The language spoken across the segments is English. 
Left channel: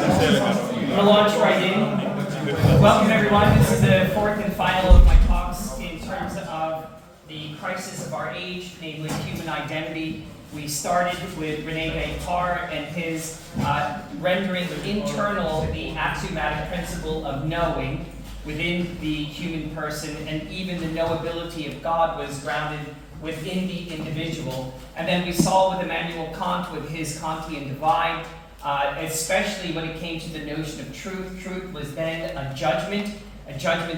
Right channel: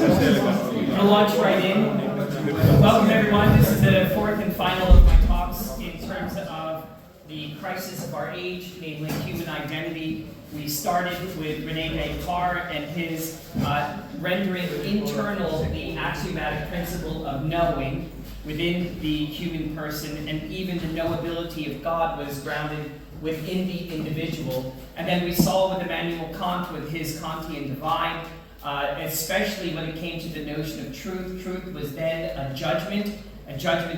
We'll launch right in. Welcome everyone. This is the fourth and final of my talks in terms of the crisis of our age, namely human identity. We started with René Descartes and his rendering internal the axiomatic principle of knowing within the human person, and even the knowability of God was grounded within the individual. And then we saw with Immanuel Kant with his Kantian divide, especially when it came to the notion of truth. Truth was then a judgment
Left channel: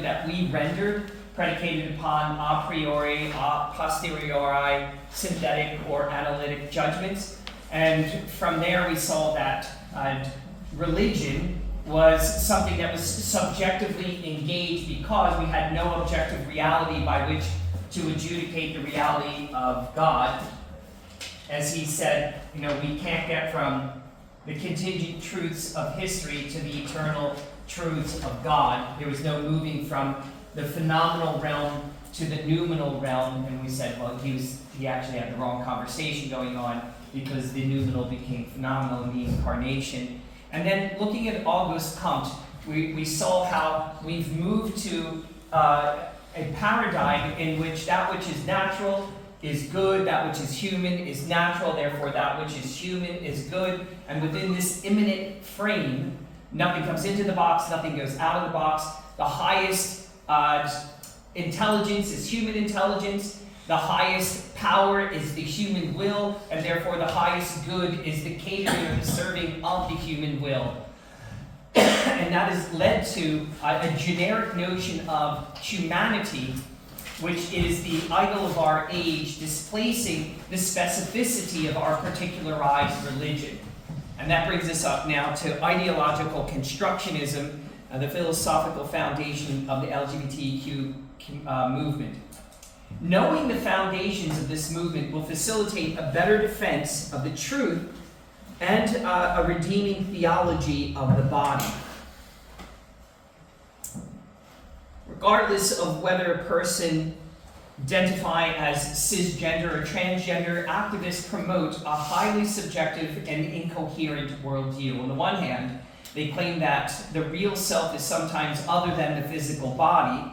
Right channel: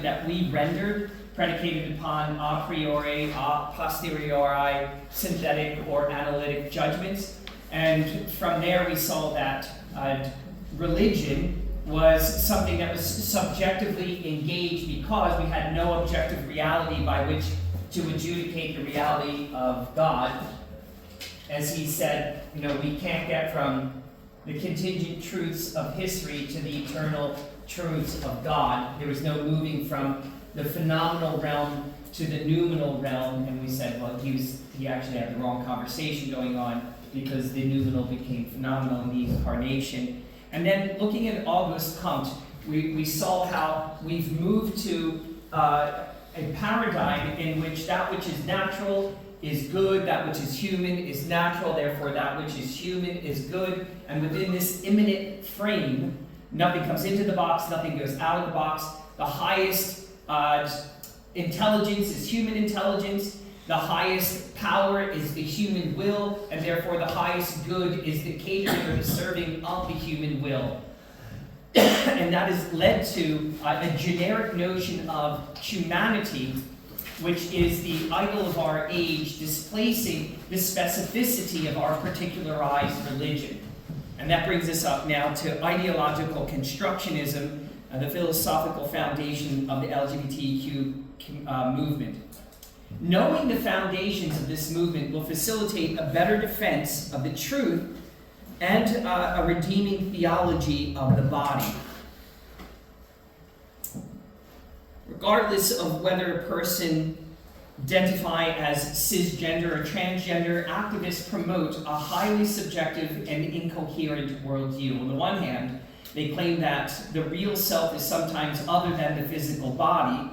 that we rendered, predicated upon a priori, a posteriori, synthetic or analytic judgments. And from there we saw that religion was something that was subjectively engaged because we had no objective reality by which to adjudicate the reality of God. As he said, we can't get from the contingent truths of history to the eternal truths of God. There was no moving from the phenomenal realm to the noumenal realm. And we said, well, he actually had the wrong conversation going on, because the noumenal became phenomenal in the incarnation. And then looking at Auguste Comte, we saw how we've moved to a paradigm in which that which is natural is good, that which is human is natural, therefore that which is human is good. And within this immanent frame, nothing comes into the box, nothing goes out of the box. The highest intelligence is human intelligence. The highest power is the human will, and therefore the highest good is the catering or the serving of the human will. And that has led to a generic notion of humanity, which is the idol of our age, displacing the specificity of our particularized religion. And that brings us up now to ideological constructionism, the philosophical foundation of the LGBTQ movement. Knowing the foundations of this movement will facilitate a better defense of the truth and a redeeming theology of the body. Regardless of whether a person identify as cisgender or transgender, activists promote a highly subjective and incoherent worldview. On the one hand, they claim that the real self is sometimes other than the physical body,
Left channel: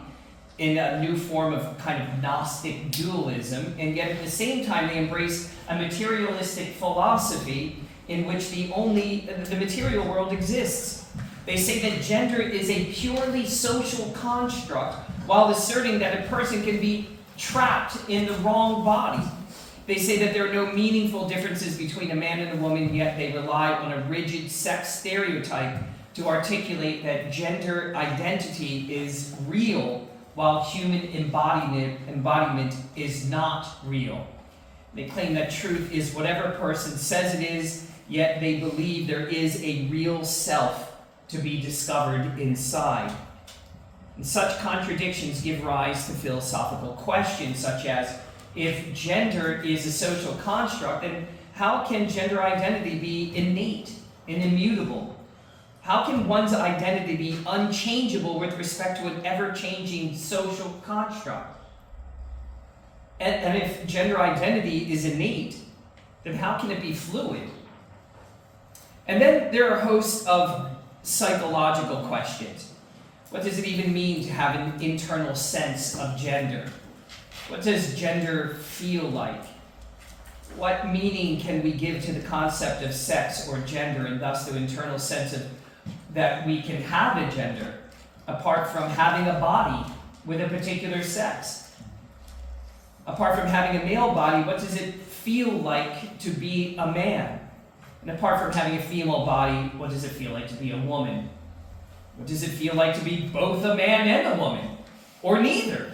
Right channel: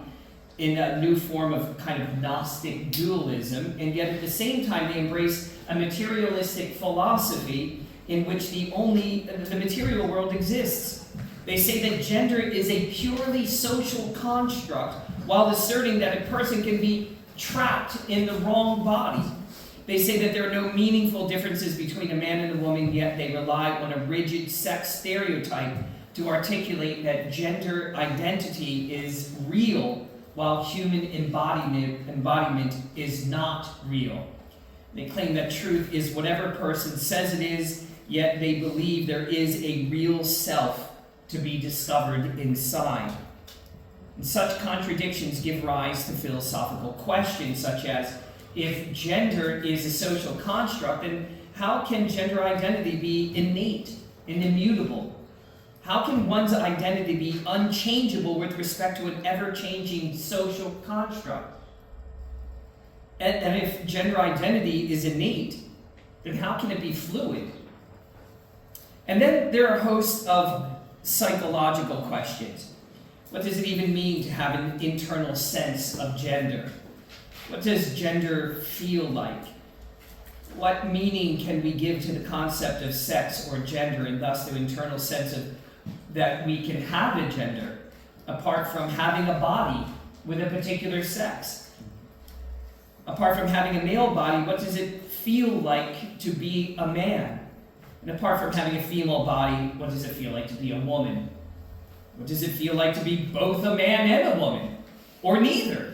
in a new form of kind of Gnostic dualism, and yet at the same time they embrace a materialistic philosophy in which the material world exists. They say that gender is a purely social construct, while asserting that a person can be trapped in the wrong body. They say that there are no meaningful differences between a man and a woman, yet they rely on a rigid sex stereotype to articulate that gender identity is real, while human embodiment is not real. They claim that truth is whatever a person says it is, yet they believe there is a real self to be discovered inside. And such contradictions give rise to philosophical questions, such as, if gender is a social construct, then how can gender identity be innate and immutable? How can one's identity be unchangeable with respect to an ever-changing social construct? And if gender identity is innate, then how can it be fluid? And then there are a host of psychological questions. What does it even mean to have an internal sense of gender? What does gender feel like? What meaning can we give to the concept of sex or gender, and thus the internal sense of that we can have a gender, apart from having a body with a particular sex? Apart from having a male body, what does it feel like to be a man? And apart from having a female body, what does it feel like to be a woman? What does it feel like to be both a man and a woman? Or neither?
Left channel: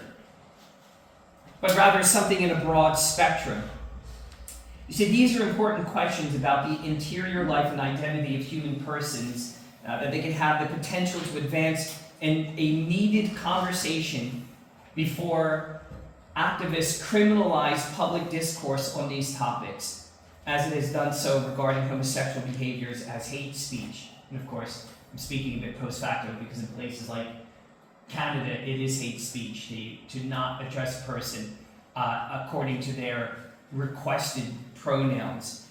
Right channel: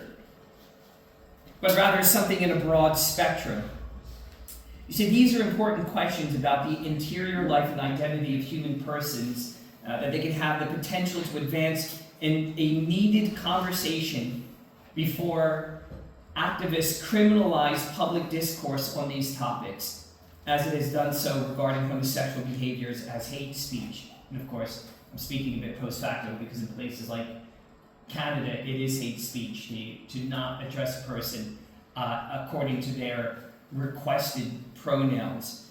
But rather something in a broad spectrum. You see, these are important questions about the interior life and identity of human persons, that they can have the potential to advance in a needed conversation before activists criminalize public discourse on these topics, as it has done so regarding homosexual behaviors as hate speech. And of course, I'm speaking a bit post facto, because in places like Canada, it is hate speech to not address a person according to their requested pronouns.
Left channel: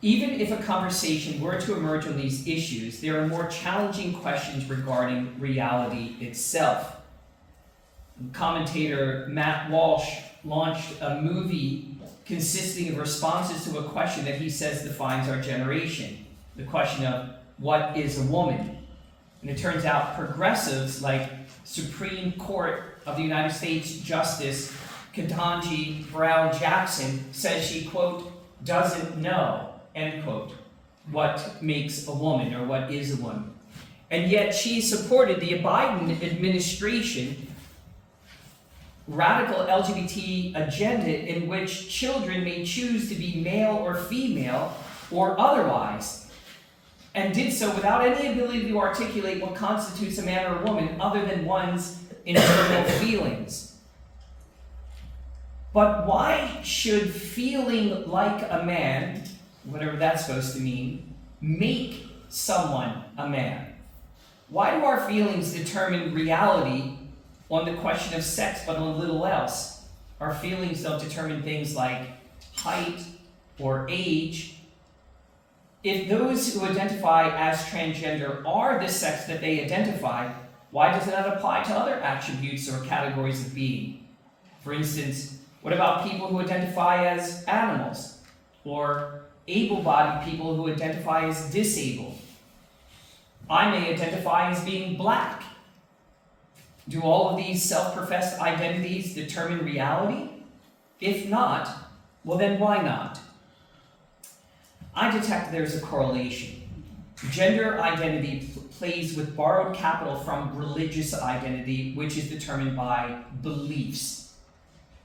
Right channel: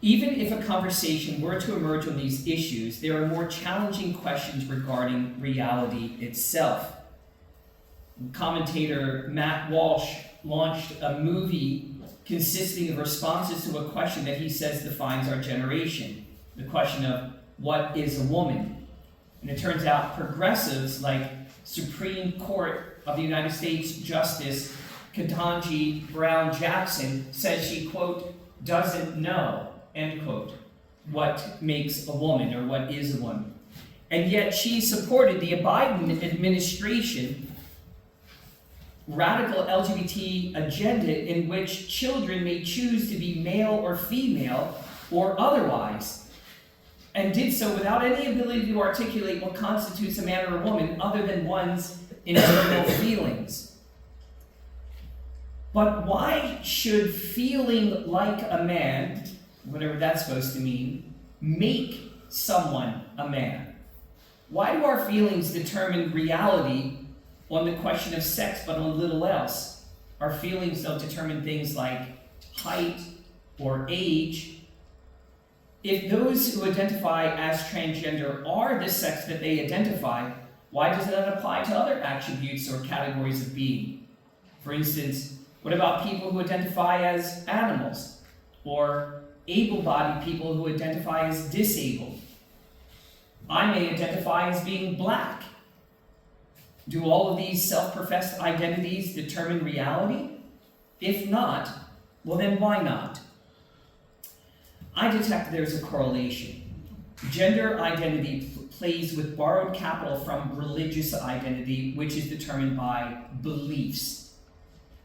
Even if a conversation were to emerge on these issues, there are more challenging questions regarding reality itself. Commentator Matt Walsh launched a movie consisting of responses to a question that he says defines our generation, the question of what is a woman? And it turns out progressives like Supreme Court of the United States Justice Ketanji Brown Jackson says she, quote, doesn't know, end quote, what makes a woman or what is a woman. And yet she supported the Biden administration radical LGBT agenda in which children may choose to be male or female or otherwise, and did so without any ability to articulate what constitutes a man or a woman other than one's internal feelings. But why should feeling like a man, whatever that's supposed to mean, make someone a man? Why do our feelings determine reality on the question of sex, but on little else? Our feelings don't determine things like height or age. If those who identify as transgender are the sex that they identify, why does it not apply to other attributes or categories of being? For instance, what about people who identify as animals, or able-bodied people who identify as disabled? I may identify as being black. Do all of these self-professed identities determine reality? If not, well then why not? I detect there's a correlation. Gender identity plays with borrowed capital from religious identity, which is determined by beliefs.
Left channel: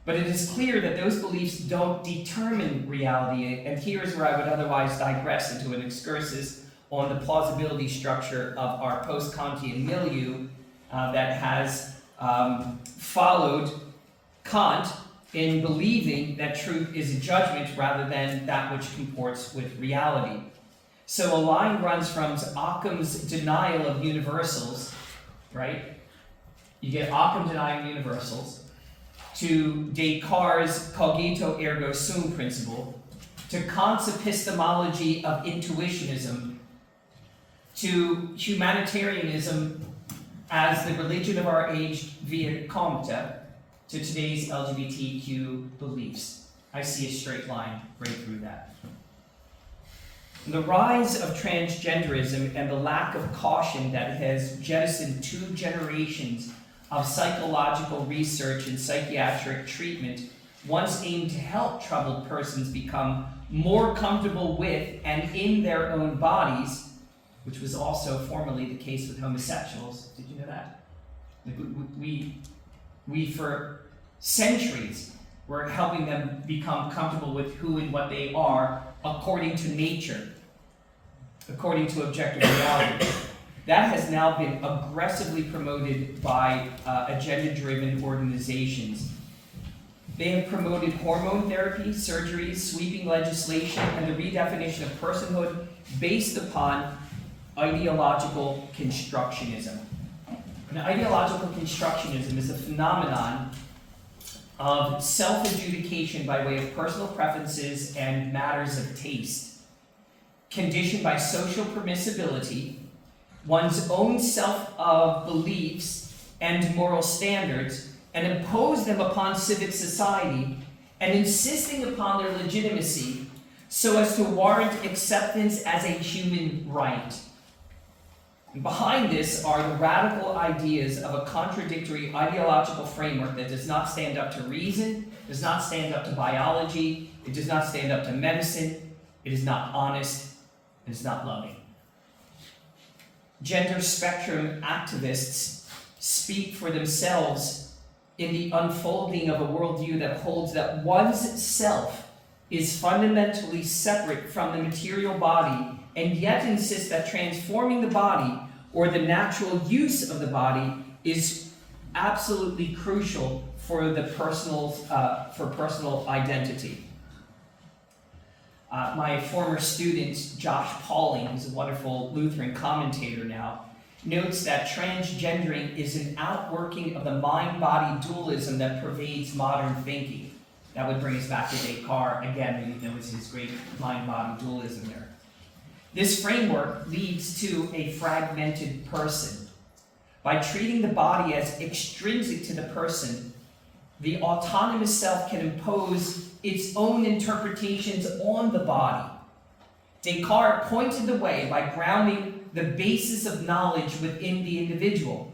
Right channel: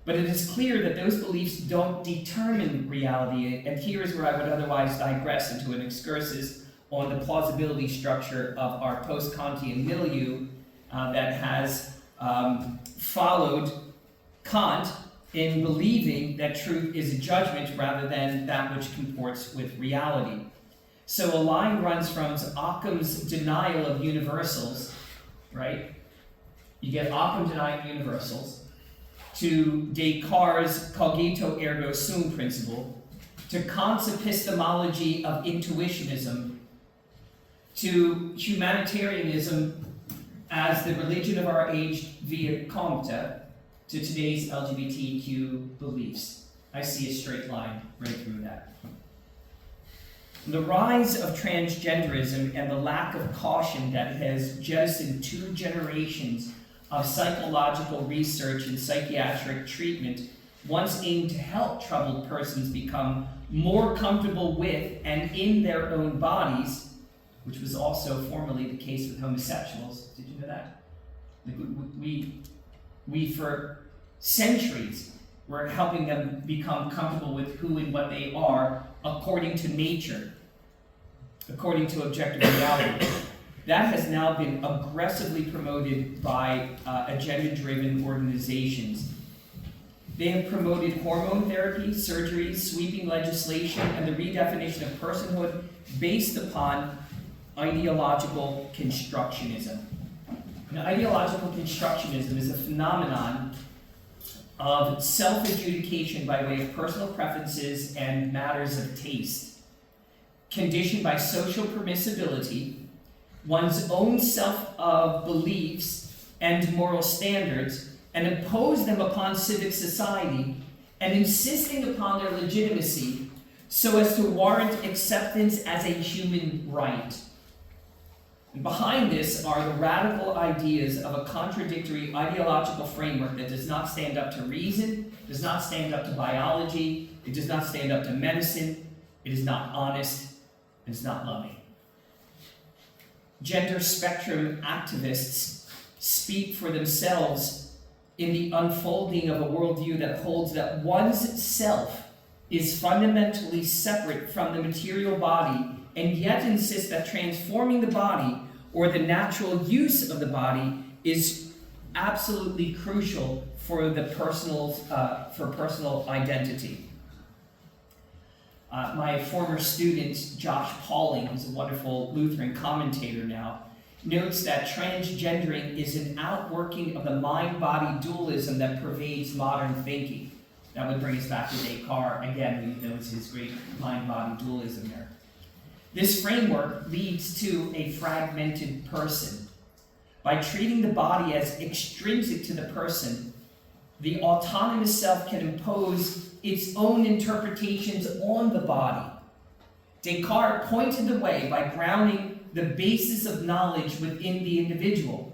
But it is clear that those beliefs don't determine reality, and here is where I would otherwise digress into an excursus on the plausibility structure of our post-Kantian milieu that has followed Kant in believing that truth is a judgment rather than that which comports with reality. So a line runs from Occam's denial of universals, right? You get Occam denying universals, to Descartes' cogito ergo sum principle, to Kant's epistemology of intuitionism, to humanitarianism as the religion of our age via Comte, to today's LGBTQ beliefs. I see a straight line right through that. The rise of transgenderism and the lack of caution that has jettisoned 2 generations of psychological research and psychiatric treatment once aimed to help troubled persons become more comfortable with and in their own bodies, which was also formerly the case with homosexuals. Did you know that? Like we for centuries were helping them become comfortable with who and what they are according to nature, according to objective reality. That has now been aggressively promoted by agenda-driven organizations. They have promoted hormone therapy, surgeries, sweeping legislation, and the redefinition of personhood based upon ideological constructionism. And ideological constructionism is a phenomenon of self-adjudication by way of personal preferences and matters of taste, conditioned by social permissibility, one's own self-beliefs and moral standards, and impose them upon civic society, and insisting upon their legitimacy so as to warrant acceptance as a human right. And behind this are the radical ideas of a contradictory ideological framework that does not stand up to reason, does not stand up to biology, it does not stand up to medicine, it is not honest, it is not loving. Gender spectrum activists speak for themselves in the unfolding of a worldview that holds that one's self is fundamentally separate from the material body, and yet insists that transforming the body or the natural use of the body is absolutely crucial for the personal identity. My former student, Josh Pauling, who's a wonderful Lutheran commentator now, notes that transgendering is an outworking of the mind-body dualism that pervades modern thinking. That would bring us back to Descartes. Again, there was his great mind-body dualism there. This framework leads to a fragmented person. By treating the body as extrinsic to the person, the autonomous self can impose its own interpretations on the body. Descartes pointed the way by grounding the basis of knowledge within the individual.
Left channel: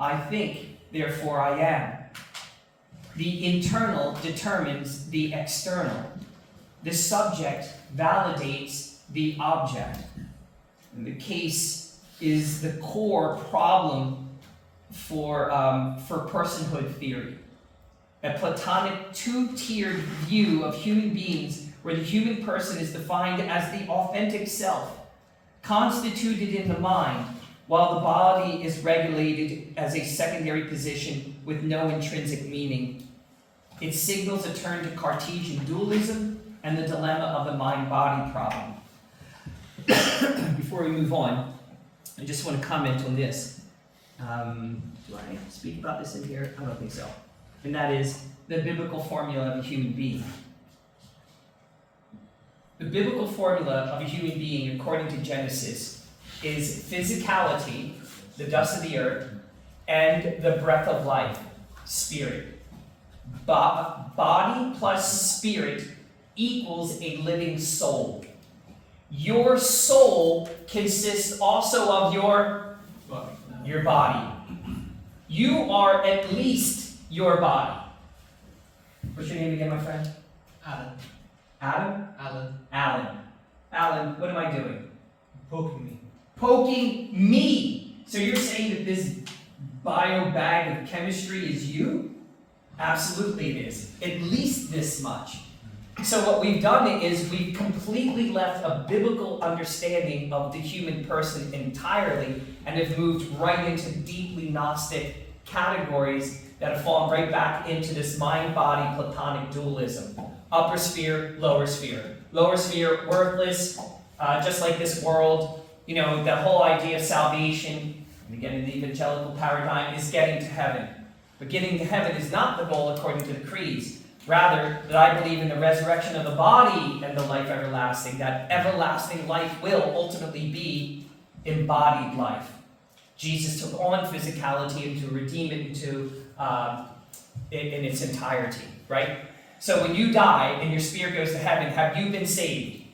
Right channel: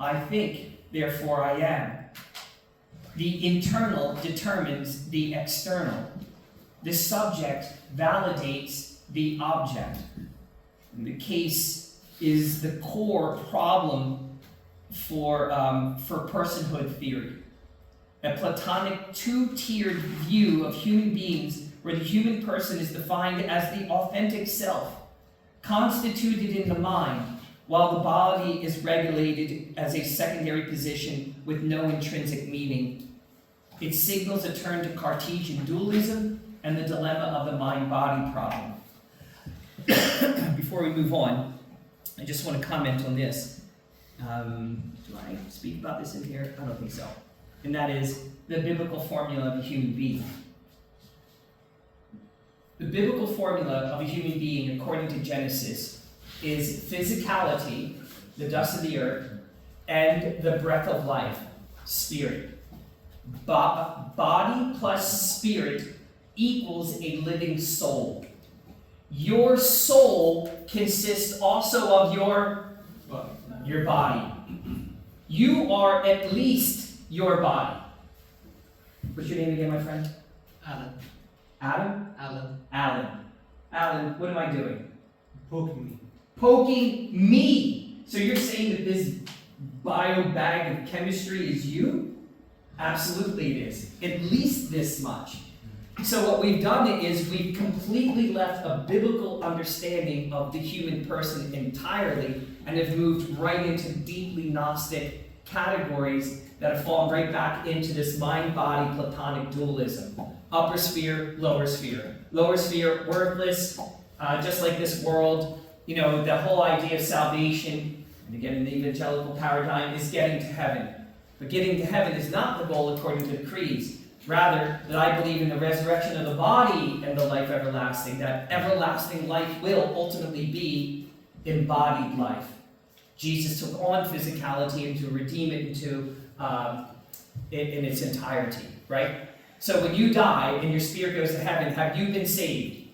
I think, therefore I am. The internal determines the external. The subject validates the object. And the case is the core problem for personhood theory. A Platonic two-tiered view of human beings where the human person is defined as the authentic self, constituted in the mind, while the body is regulated as a secondary position with no intrinsic meaning. It signals a turn to Cartesian dualism and the dilemma of the mind-body problem. Before we move on, I just want to comment on this. Do I speak about this in here? I don't think so. And that is the biblical formula of a human being. The biblical formula of a human being, according to Genesis, is physicality, the dust of the earth, and the breath of life, spirit. Body plus spirit equals a living soul. Your soul consists also of your body. You are at least your body. What's your name again, my friend? Alan. Adam? Alan, what am I doing? Poking me. Poking me. So you're saying that this bio bag of chemistry is you? Absolutely it is. At least this much. So what we've done is we've completely left a biblical understanding of the human person entirely and have moved right into deeply Gnostic categories that have fallen right back into this mind-body Platonic dualism. Upper sphere, lower sphere. Lower sphere, worthless, just like this world. You know, the whole idea of salvation, and again in the evangelical paradigm, is getting to heaven. But getting to heaven is not the goal according to the creeds. Rather, that I believe in the resurrection of the body and the life everlasting. That everlasting life will ultimately be embodied life. Jesus took on physicality and to redeem it into in its entirety, right? So when you die and your spirit goes to heaven, have you been saved?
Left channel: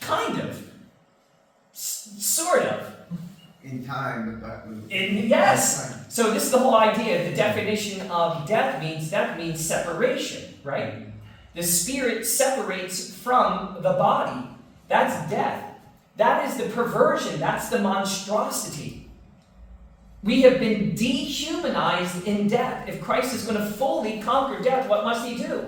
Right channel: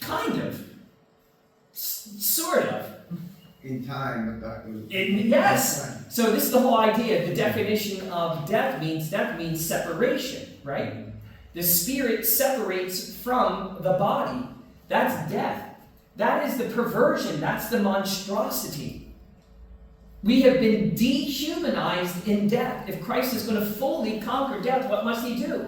Kind of. Sort of. In time, but that was... Yes. So this is the whole idea. The definition of death means separation, right? The spirit separates from the body. That's death. That is the perversion. That's the monstrosity. We have been dehumanized in death. If Christ is going to fully conquer death, what must he do?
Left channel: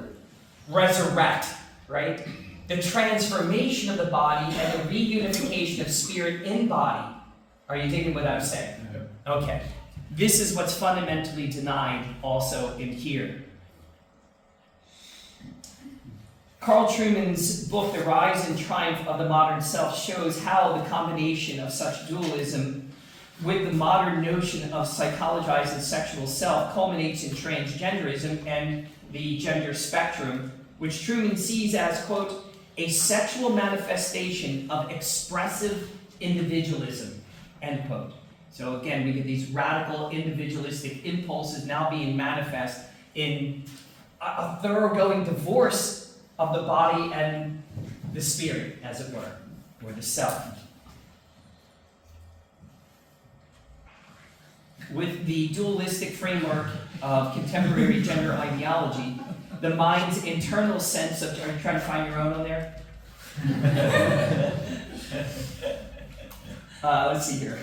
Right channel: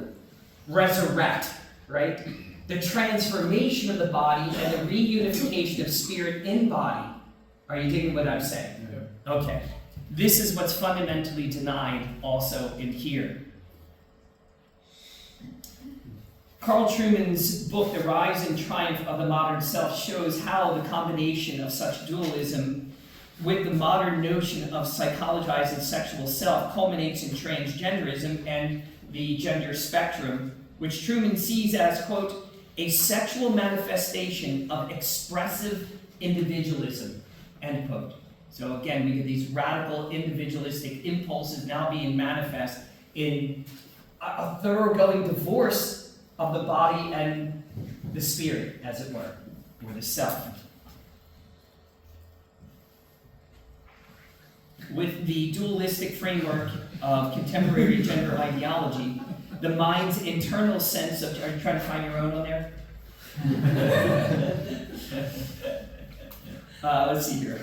Resurrect, right? The transformation of the body and the reunification of spirit in body. Are you digging what I'm saying? Yeah. Okay. This is what's fundamentally denied also in here. Carl Trueman's book, The Rise and Triumph of the Modern Self, shows how the combination of such dualism with the modern notion of psychologized and sexual self culminates in transgenderism and the gender spectrum, which Trueman sees as, quote, a sexual manifestation of expressive individualism, end quote. So again, we get these radical individualistic impulses now being manifest in a thoroughgoing divorce of the body and the spirit, as it were, or the self. With the dualistic framework of contemporary gender ideology, the mind's internal sense of... Are you trying to find your own on there? Let's see here.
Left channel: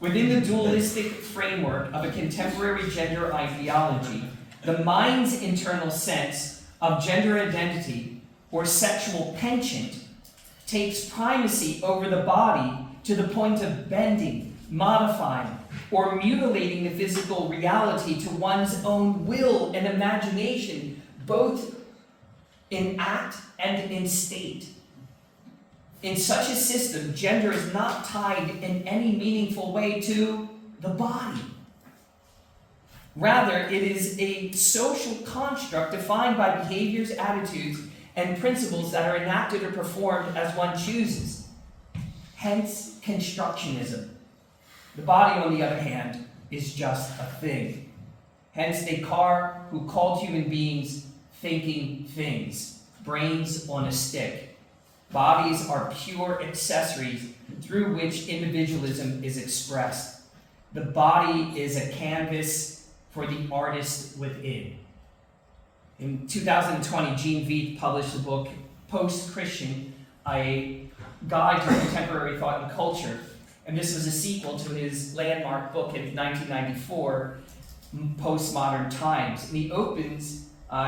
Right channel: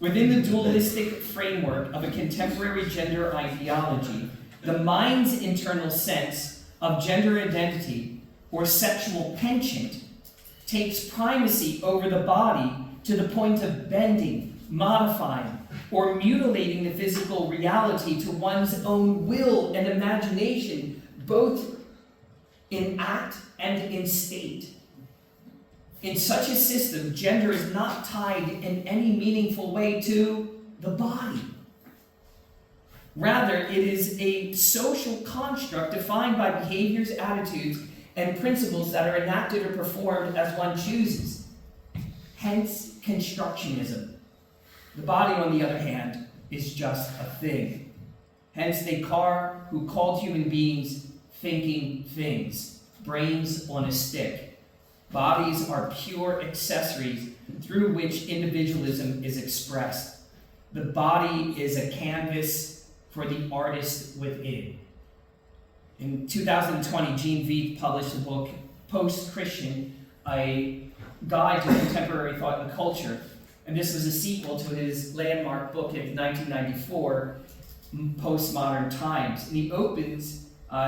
Within the dualistic framework of a contemporary gender ideology, the mind's internal sense of gender identity or sexual penchant takes primacy over the body to the point of bending, modifying, or mutilating the physical reality to one's own will and imagination, both in act and in state. In such a system, gender is not tied in any meaningful way to the body. Rather, it is a social construct defined by behaviors, attitudes, and principles that are enacted or performed as one chooses. Hence, constructionism. The body, on the other hand, is just a thing. Hence, Descartes, who called human beings thinking things, brains on a stick. Bodies are pure accessories through which individualism is expressed. The body is a canvas for the artist within. In 2020, Gene Veith published the book Post-Christian, a guide to contemporary thought and culture. And this was a sequel to his landmark book in 1994, Postmodern Times. And he opens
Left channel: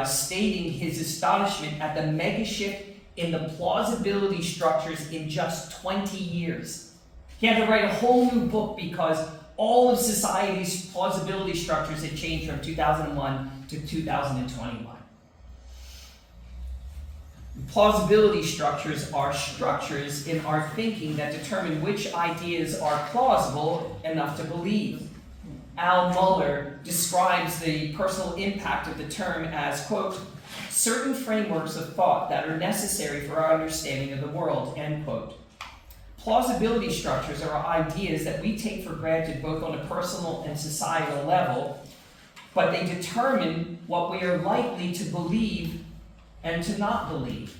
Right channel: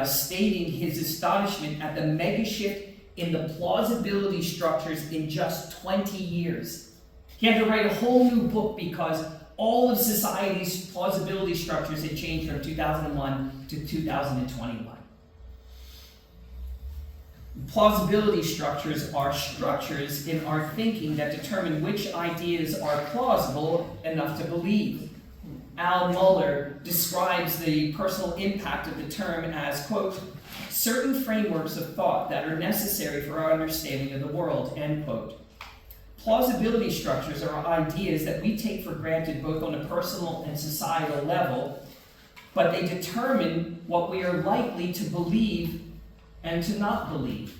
stating his astonishment at the mega shift in the plausibility structures in just 20 years. He had to write a whole new book because all of society's plausibility structures had changed from 2001 to 2021. Plausibility structures are structures in our thinking that determine which ideas are plausible enough to believe. Al Mohler describes the personal impact of the term as, quote, certain frameworks of thought that are necessary for our understanding of the world, end quote. Plausibility structures are ideas that we take for granted both on a personal and societal level, but they determine what we are likely to believe and to not believe.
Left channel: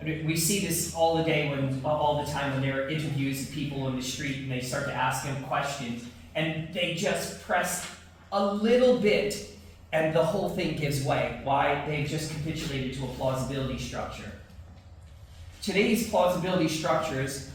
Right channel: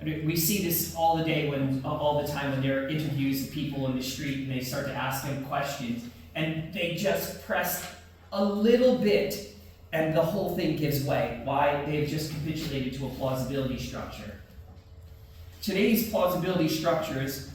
And we see this all the time when there are interviews of people in the street and they start to ask them questions, and they just press a little bit and the whole thing gives way. Why? They've just capitulated to a plausibility structure. Today's plausibility structures,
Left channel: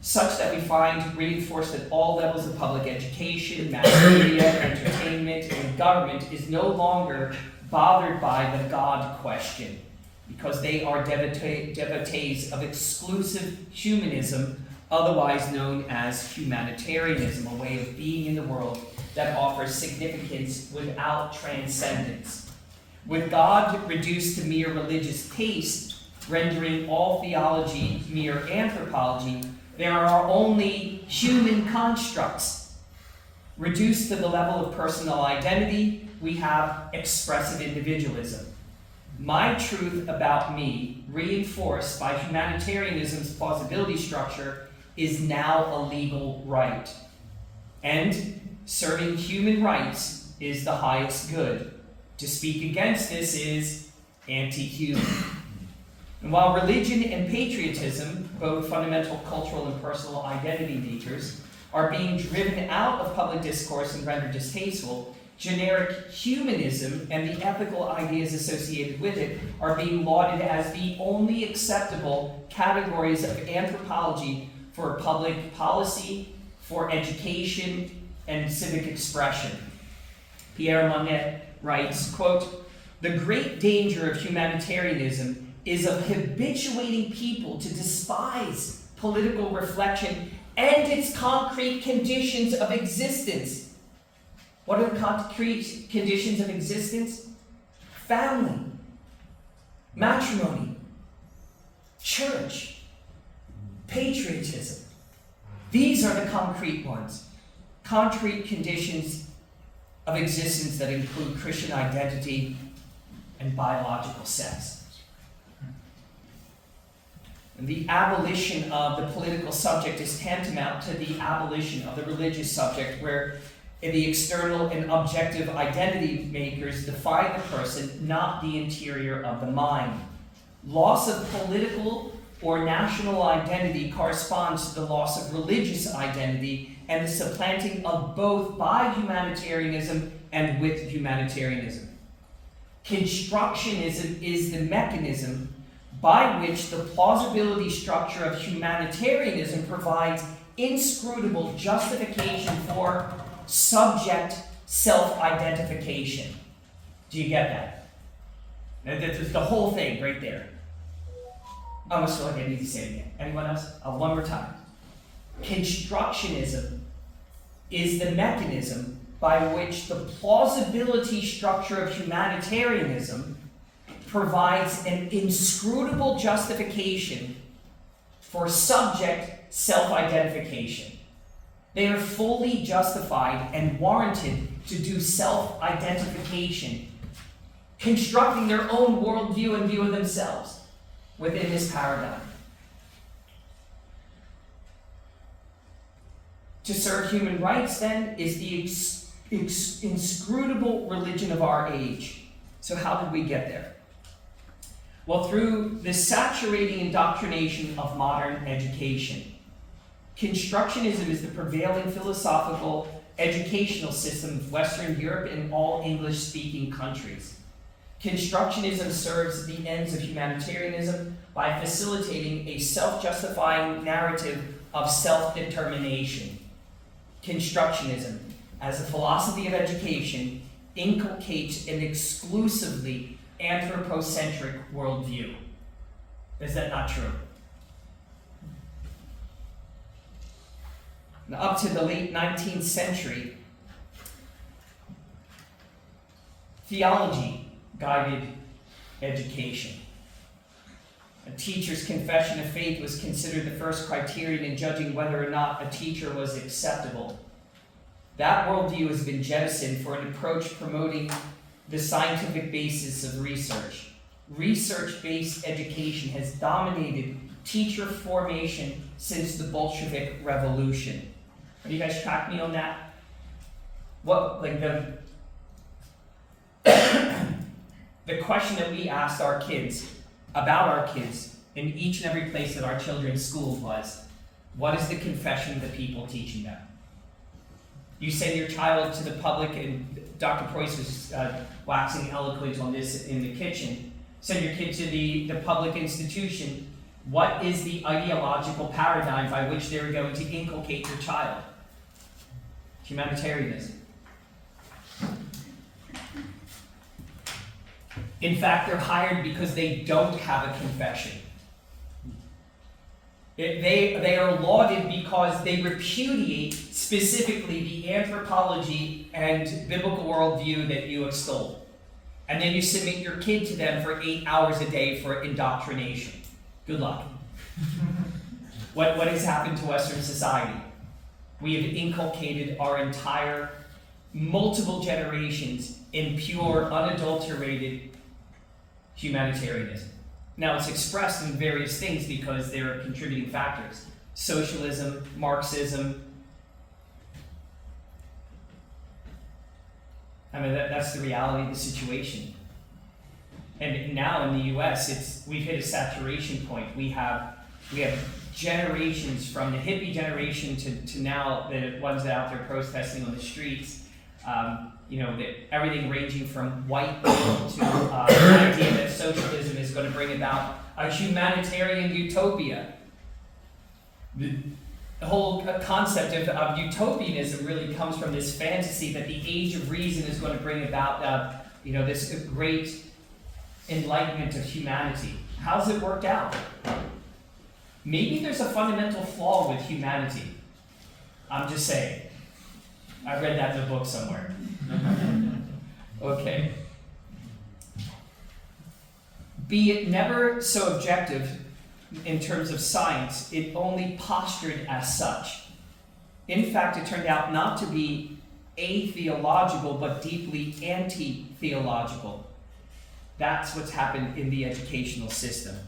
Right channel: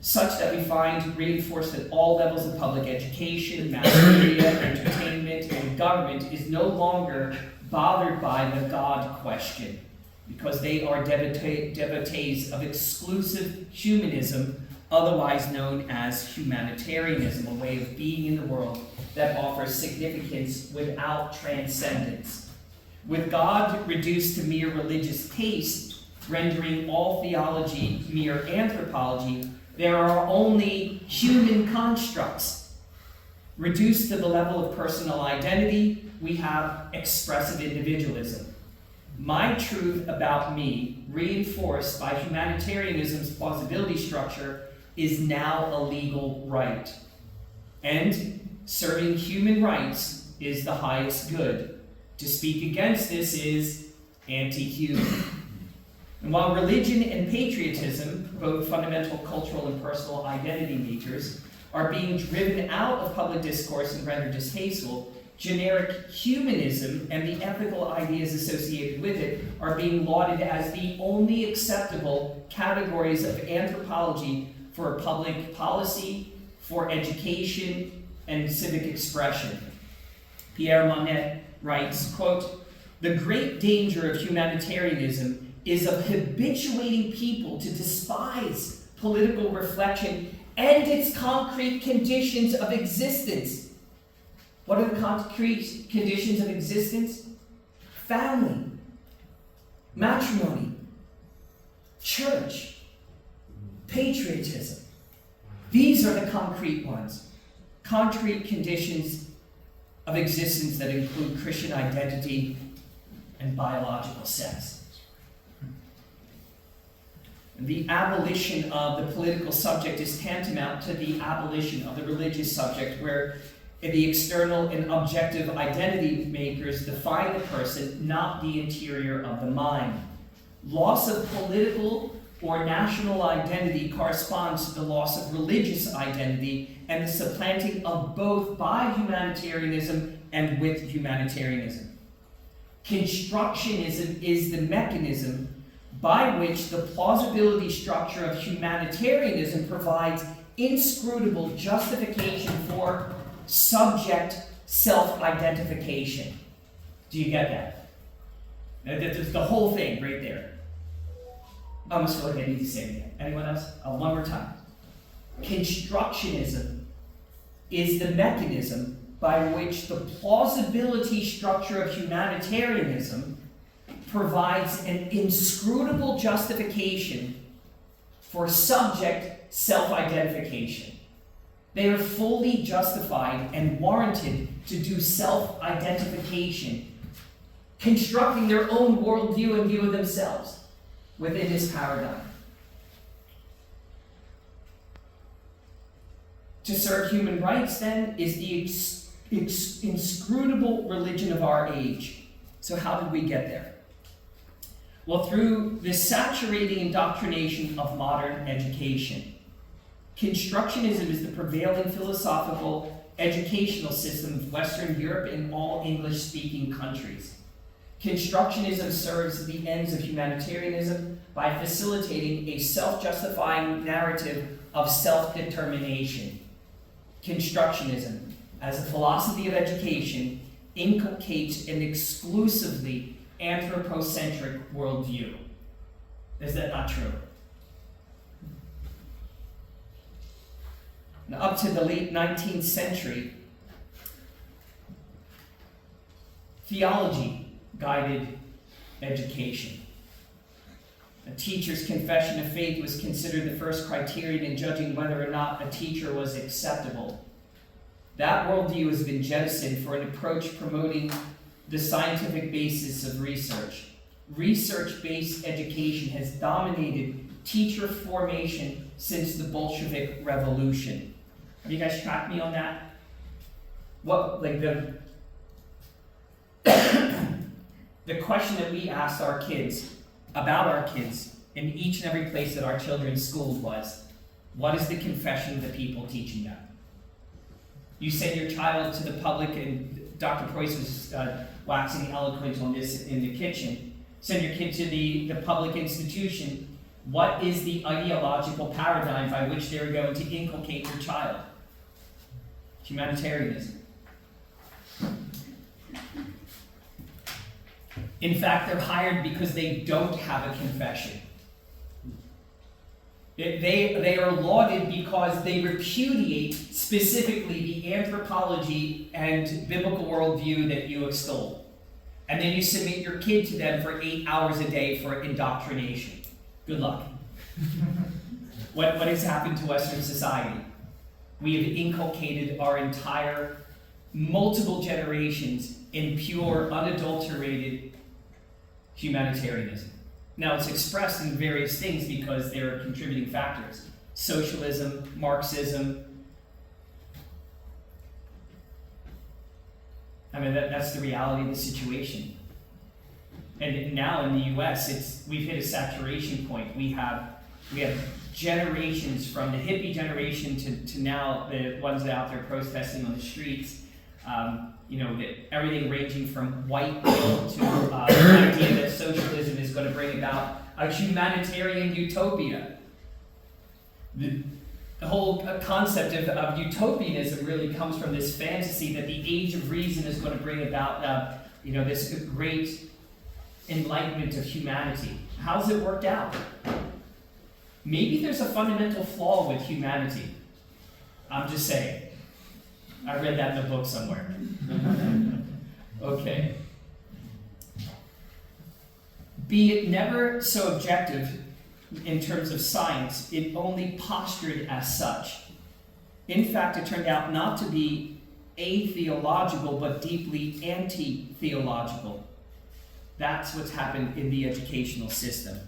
such that we find reinforced at all levels of public education, mass media, entertainment, and government, is no longer bothered by the God question, because they are devotees of exclusive humanism, otherwise known as humanitarianism, a way of being in the world that offers significance without transcendence. With God reduced to mere religious taste, rendering all theology mere anthropology, there are only human constructs. Reduced to the level of personal identity, we have expressive individualism. My truth about me, reinforced by humanitarianism's plausibility structure, is now a legal right. And serving human rights is the highest good. To speak against this is anti-human. And while religion and patriotism, both fundamental cultural and personal identity natures, are being driven out of public discourse and rendered distasteful, generic humanism and the ethical ideas associated with it are being lauded as the only acceptable categories of anthropology for public policy, for education, and civic expression. Pierre Monnet writes, quote, "The great danger of humanitarianism is of habituating people to despise political reflection and its concrete conditions of existence." What are the concrete conditions of existence? Family, matrimony, church, patriotism. These are the concrete ones. Concrete conditions of existence that include Christian identity and biological sex. The abolition of the political subject is tantamount to the abolition of the religious subject, where the external and objective identity makers define the person, not the interior of the mind. Loss of political or national identity corresponds to the loss of religious identity and the supplanting of both by humanitarianism and with humanitarianism. Constructionism is the mechanism by which the plausibility structure of humanitarianism provides inscrutable justification for subject self-identification. Do you get that? That's the whole thing right there. I almost feel like I need to say it again. Anyone else? One more time. Constructionism is the mechanism by which the plausibility structure of humanitarianism provides an inscrutable justification for subject self-identification. They are fully justified and warranted to do self-identification, constructing their own worldview and view of themselves within this paradigm. To serve human rights, then, is the inscrutable religion of our age. So how did we get there? Well, through the saturating indoctrination of modern education. Constructionism is the prevailing philosophical educational system of Western Europe and all English-speaking countries. Constructionism serves the ends of humanitarianism by facilitating a self-justifying narrative of self-determination. Constructionism, as a philosophy of education, inculcates an exclusively anthropocentric worldview. Is that not true? Now, up to the late 19th century, theology guided education. A teacher's confession of faith was considered the first criterion in judging whether or not a teacher was acceptable. That worldview has been jettisoned for an approach promoting the scientific basis of research. Research-based education has dominated teacher formation since the Bolshevik Revolution. Have you guys tracked me on that? What, like the question that we asked our kids, about our kids, in each and every place that our children's schools was, what is the confession of the people teaching them? You send your child to the public, and Dr. Preuss was waxing eloquent on this in the kitchen. Send your kid to the public institution. What is the ideological paradigm by which they're going to inculcate your child? Humanitarianism. In fact, they're hired because they don't have a confession. They are lauded because they repudiate specifically the anthropology and biblical worldview that you extol. And then you submit your kid to them for 8 hours a day for indoctrination. Good luck. What has happened to Western society? We have inculcated our entire multiple generations in pure, unadulterated humanitarianism. Now, it's expressed in various things because there are contributing factors. Socialism, Marxism. I mean, that's the reality of the situation. And now in the U.S., we've hit a saturation point. We have generations, from the hippie generation to now the ones that are out there protesting on the streets. Everything ranging from white male to the idea that socialism is going to bring about a humanitarian utopia. The whole concept of utopianism really comes from this fantasy that the age of reason is going to bring about, this great enlightenment of humanity. How's it worked out? Maybe there's a fundamental flaw with humanity. I'm just saying. I read that in a book somewhere. Okay. Be it never so objective in terms of science, it only postured as such. In fact, it turned out not to be atheological, but deeply anti-theological. That's what's happened in the educational system.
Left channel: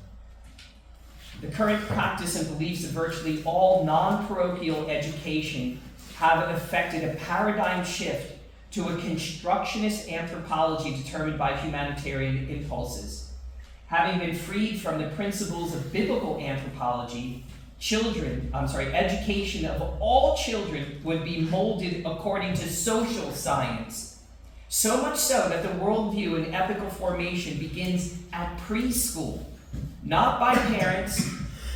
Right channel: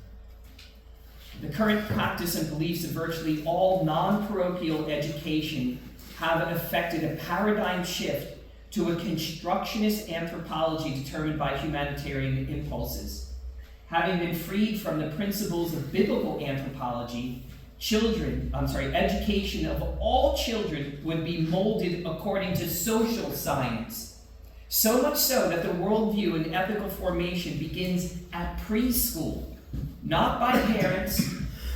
The current practice and beliefs of virtually all non-parochial education have effected a paradigm shift to a constructionist anthropology determined by humanitarian impulses. Having been freed from the principles of biblical anthropology, education of all children would be molded according to social science. So much so that the worldview and ethical formation begins at preschool, not by parents,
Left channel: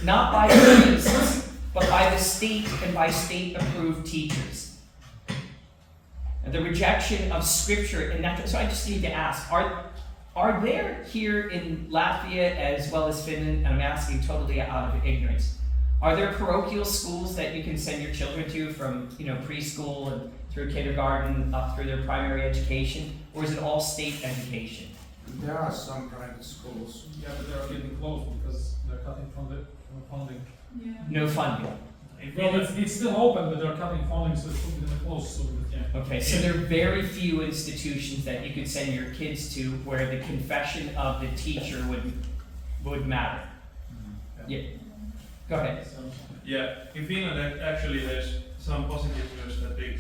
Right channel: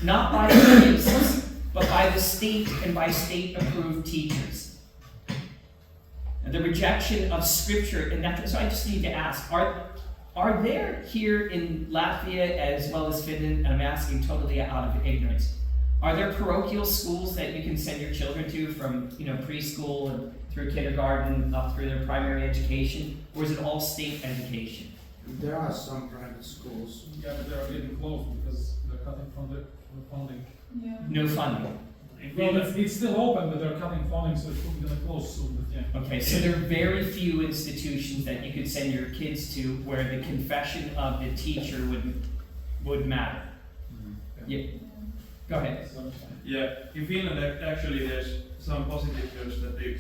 not by priests, but by the state and by state-approved teachers. And the rejection of scripture, so I just need to ask, are there here in Latvia as well as Finland, and I'm asking totally out of ignorance, are there parochial schools that you can send your children to from preschool and through kindergarten up through their primary education, or is it all state education? There are some private schools. Yeah, but they are getting closed because they're cutting from the funding. Yeah. No funding. Well, it's still open, but they're cutting funding, so it's probably gonna close soon, but yeah. Okay, so there are very few institutions that you could send your kids to where the confession of the teacher would matter. Yeah, go ahead. Yeah, in Finland actually there's some positive news that the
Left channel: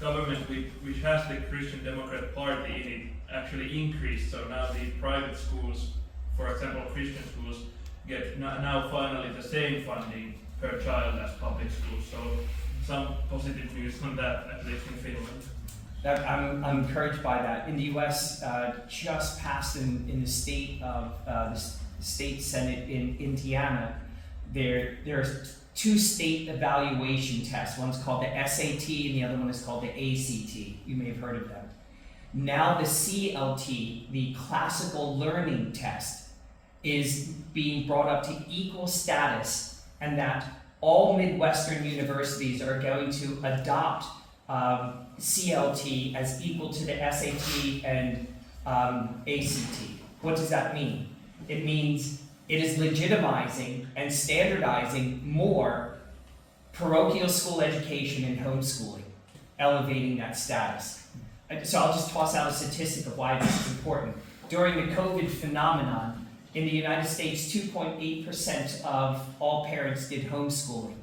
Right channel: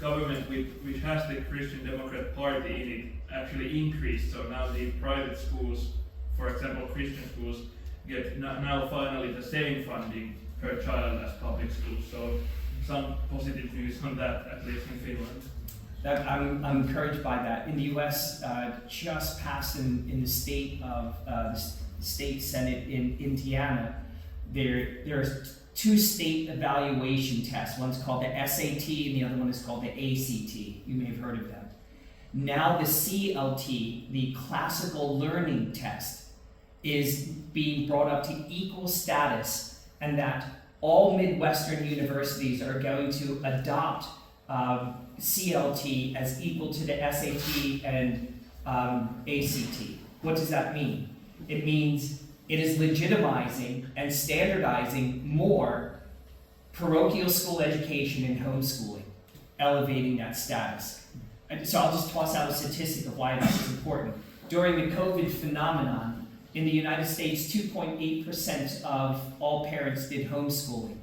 government which has the Christian Democrat Party in it actually increased. So now the private schools, for example Christian schools, get now finally the same funding per child as public schools. So some positive news on that, at least in Finland. I'm encouraged by that. In the U.S., just passed in the state of the state senate in Indiana, there are two state evaluation tests. One's called the SAT and the other one is called the ACT. You may have heard of them. Now the CLT, the classical learning test, is being brought up to equal status, and that all Midwestern universities are going to adopt CLT as equal to the SAT and ACT. What does that mean? It means it is legitimizing and standardizing more parochial school education and homeschooling, elevating that status. So I'll just toss out a statistic of why this is important. During the COVID phenomenon, in the United States, 2.8% of all parents did homeschooling.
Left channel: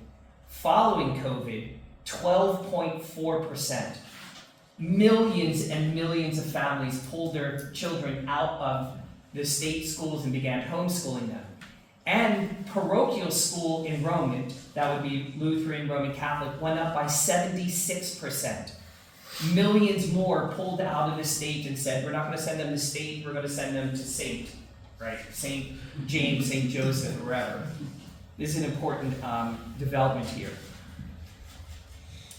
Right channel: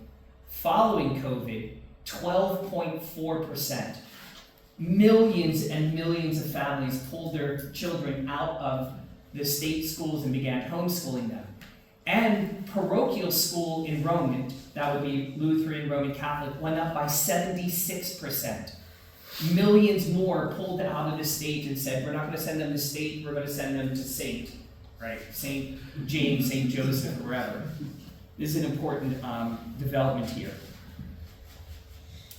Following COVID, 12.4%. Millions and millions of families pulled their children out of the state schools and began homeschooling them. And parochial school enrollment, that would be Lutheran, Roman Catholic, went up by 76%. Millions more pulled out of the state and said, we're not going to send them to state, we're going to send them to Saint. Right, St. James, St. Joseph, wherever. This is an important development here.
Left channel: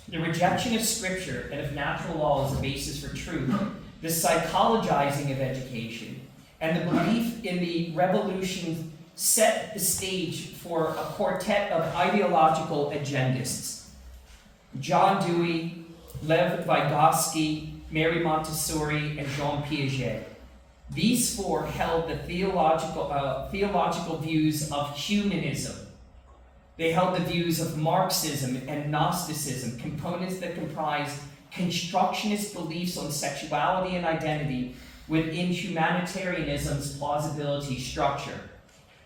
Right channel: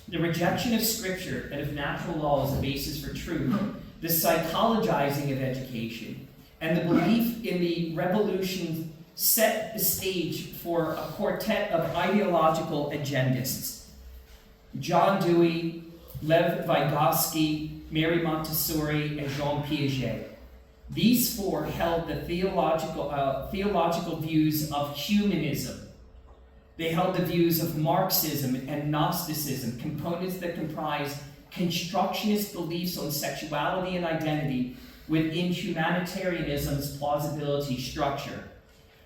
The rejection of Scripture and of natural law as a basis for truth, the psychologizing of education, and the belief in the revolution set the stage for a quartet of ideological agendists. John Dewey, Lev Vygotsky, Mary Montessori, and Jean Piaget. These four held the theological views of humanism. They held the views of Marxism and Gnosticism, components that comprise constructionist beliefs on sexuality and identity within humanitarianism's plausibility structure.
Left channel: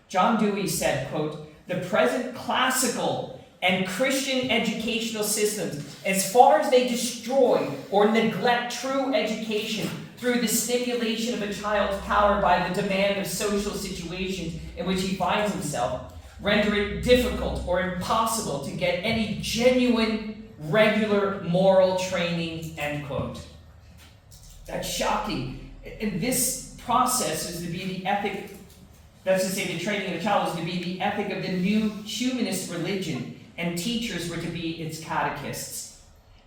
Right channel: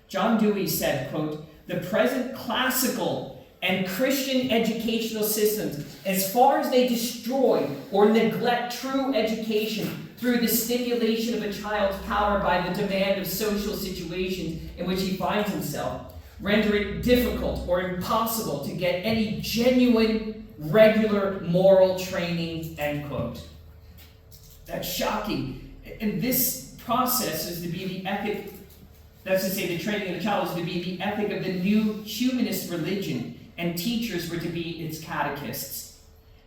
John Dewey said, quote, "The present classical and Christian educational systems, as far as they destroy or neglect true education through the stimulation of a child's power by the demand of social situations in which he finds himself, render it difficult or impossible to get any genuine, regular moral training," end quote. That's shocking. And this process is to be the ethic, that's to say the training of the child is to be the ethic of the new humanist religion, and teachers were to be its catechists.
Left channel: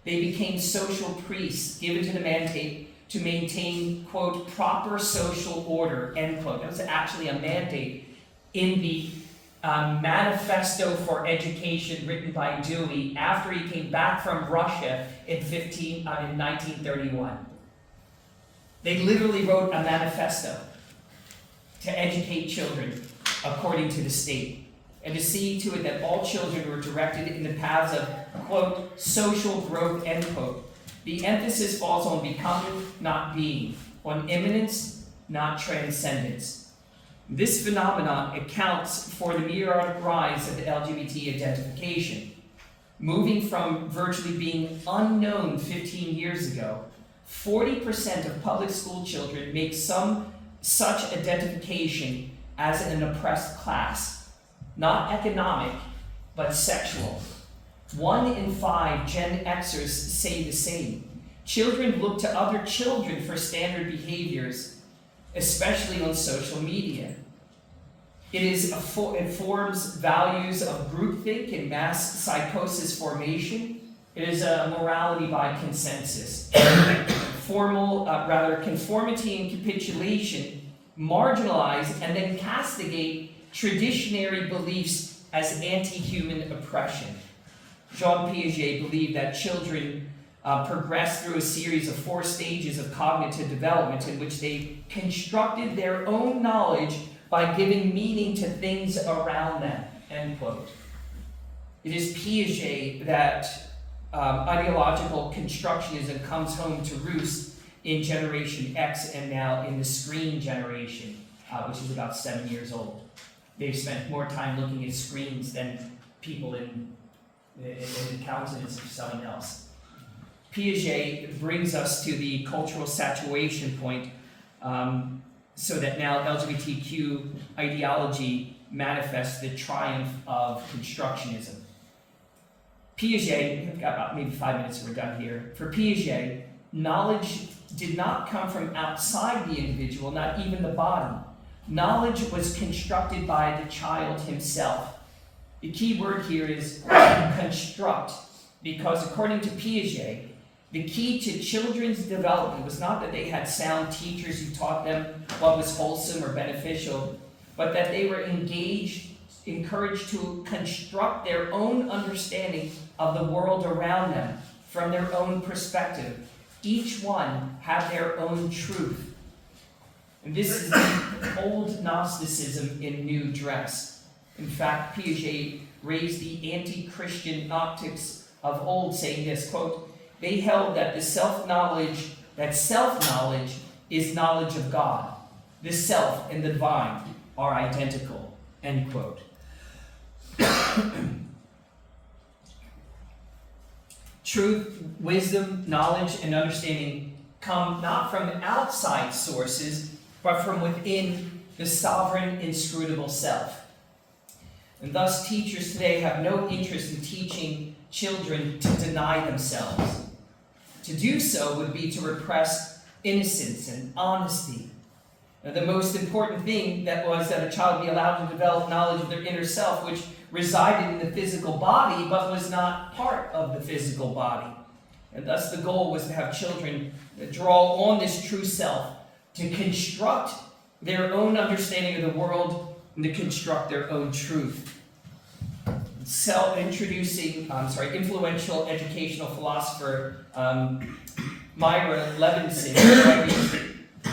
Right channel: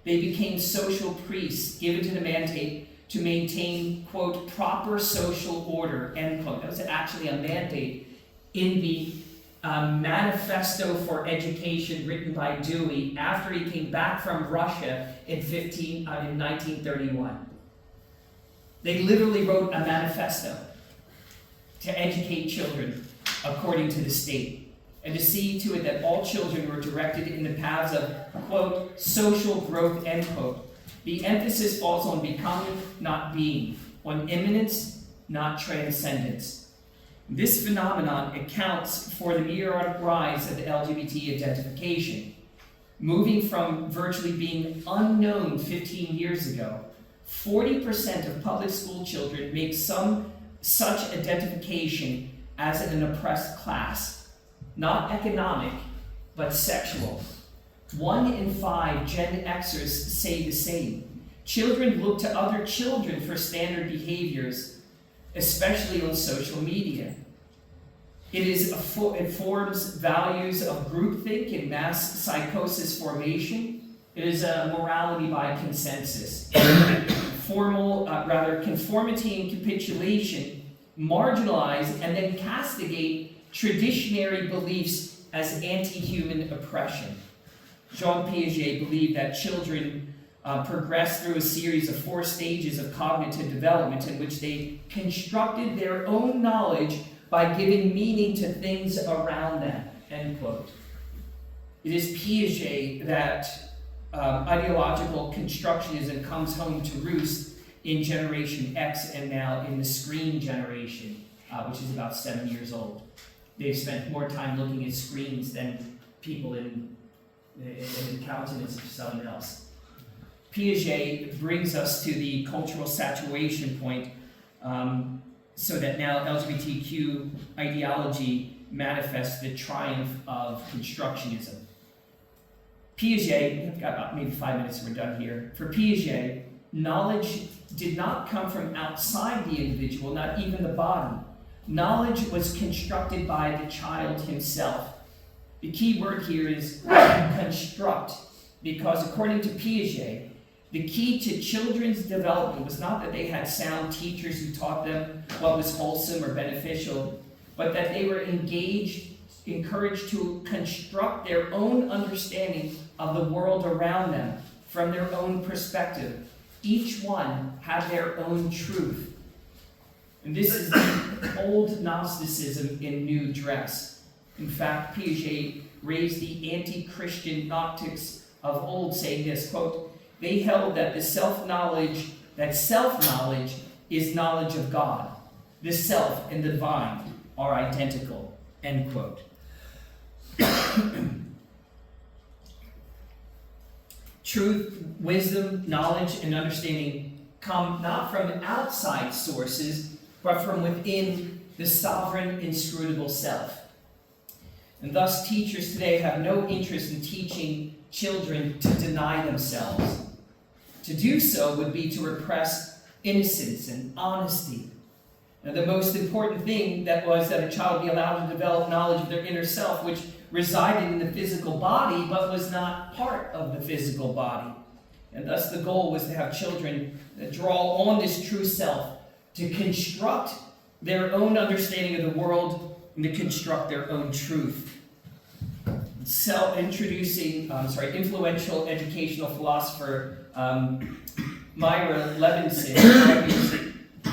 They became social priests given to the mandate to maintain, quote, proper social order, end quote. That was actually a mandate in the Manifesto for Education written by Dewey after he came back from Russia in 1931. They literally wrote a manifesto to educate children according to the state, and to see to it that all children were directed in the paths of, quote, social growth, end quote. The emphasis falls on becoming, not being, on immanence, not transcendence. This phenomenon accounts for the meteoric rise of the LGBT identification. Moving from virtually being unknown 15 years ago, 40% of public school children make some such identification as an oppressed class, not economic, but sexual. 1 in 5 Gen Xers say the same. Children look to other children for standard behaviors, especially on social media. It forms values of groupthink and mass psychosis formation. It is a morality by consensus. Conformity and capitulation marginalize and then castigate traditionary beliefs as anti-human oppression. Jean Piaget believed that children progress through a series of 4 stages of cognitive development in which they constructed their own knowledge by giving meaning to things around them, end quote. It is Piaget that ideological constructionism comes home to roost in Generation X and now in the screen generation, which is about 7 years old. They've spent more time looking at screens than people in the countenance of someone else. Piaget brings us to the cultural saturation point, so that now LGBTQ ideology manifests the triumph of constructionism. Piaget, I've got about maybe 5 minutes and we're done here. For Piaget, knowledge did not come from outside the individual, not even the body. Knowledge was constructed by the child himself. The key word here is construct, because according to Piaget, the key to children's development was not that they had sound teachers who taught them what was wholesome or beneficial, but that they were encouraged to construct their own understanding of the world around them from their own perspective. Each one had their own truth. And this is the old Gnosticism in new dress. In fact, Piaget raised the anti-Christian Gnostics of old, saying this, quote, they held that self-knowledge is knowledge of God. The self and the divine are identical, end quote. Truth, wisdom, knowledge, and understanding come not from outside sources, but from within the sovereign, inscrutable self. And thus, teachers today have no interest in teaching children to deny themselves. To do so would be to repress innocence and honesty. Now, the most important thing that was that a child be allowed to develop knowledge of their inner self, which resided in the physical body, but was not part of the physical body. And thus the goal was to have children draw on this true self, to construct their own understanding of the world, and to construct their own truth. Influential educational philosopher Myra Levinson argues,